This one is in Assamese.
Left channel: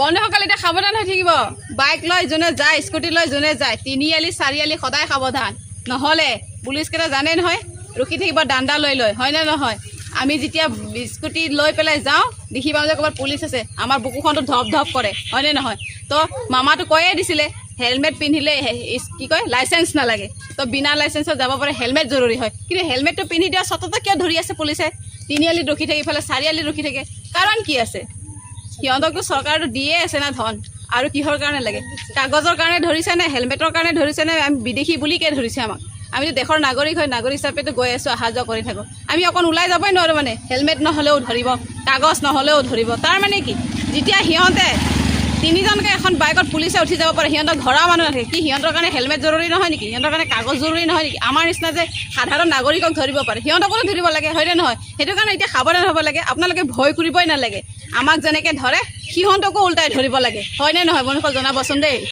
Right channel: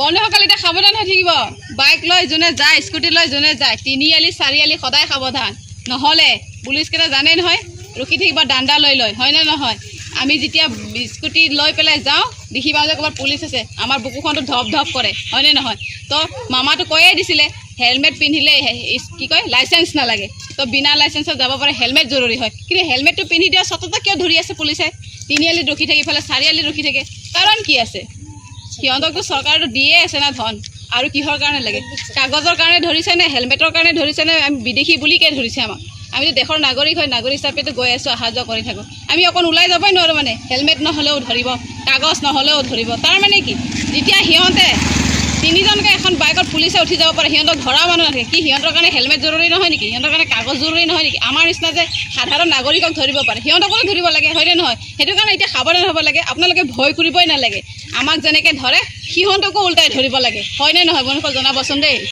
বন্ধুসকল এতিয়া সাৱধান হৈ থাকিব। বাইক লৈ যোনে যায়, স্কুটি লৈ যোনে যায়, 3 আলি 4 আলি সদায় সাৱধান, নহ'লে পুলিচকেইটা জানে নহয় ৰখি থাকিব ডাণ্ডা লৈ লৈ, হয়নে নহয়? আমি যেতিয়া স্কুটি লৈ পেলাই যাওঁ দেখি পাওঁ যে ক'ৰবাত পুলিচ আছে, আমাৰ বুকুখনটো ধপ ধপ কৰে, হয়নে নহয়? তো মামাটো কৈয়ে দিছিলে হেলমেট পিন্ধিলে কি কয় লাইচেঞ্চ নালাগে, তো বিনা লাইচেঞ্চত যাব পাৰে, হেলমেট জৰুৰী হয়। কিন্তু হেলমেটটো পিন্ধি দিয়া সততে কিয় ধৰি আছে পুলিচে? 3 আলিত ৰখি থাকে, ইফালে 4 আলিত ৰখি থাকে, কাৰণ কি আছে? সিহঁতকতো চৰকাৰেতো দিয়ে আছে না ধন, আৰু কিহৰ কাৰণে লাগে? কাগজৰ কাৰণে ধৰিছে নে হেলমেটৰ কাৰণে ধৰিছে নে আমি বিদেশী বুলিকে ধৰিছে আমাক? আমিতো দেশৰ নাগৰিক হয়, নাগৰিক হিচাপেতো গৈ আছোঁ, অহা যোৱা কৰি থাকোঁ। আমি অকণ ওলাই যাবই নোৱাৰোঁ মানে, হেলমেট নহ'লেও ধৰিব, কাগজ নহ'লেও ধৰিব। তাৰ মানে কি, যেতিয়া সিহঁতে 3জনকৈ এখন বাইকত পুলিচে উঠি যাব পাৰে, সিহঁতক ধৰা মানুহ নাথাকে, কি সিহঁতৰ কাৰণে হেলমেট জৰুৰী নহয় নেকি? সিহঁতৰ কাৰণে কাগজ জৰুৰী নহয় নেকি? আমাৰ নিচিনা যে সাধাৰণ নাগৰিকক ধৰিব পাৰে, সিহঁতকো ধৰিব লাগে, হয়নে নহয়? সেইটো কাৰণে এতিয়া সাৱধান হ'ব লাগে। আপোনালোকে ভয় কৰিবই নালাগে, আমাক যেনেকৈ ধৰে সিহঁতকো ওলটাই ধৰিব লাগে, হয়নে নহয়? বন্ধুসকল জনাবচোন দেই।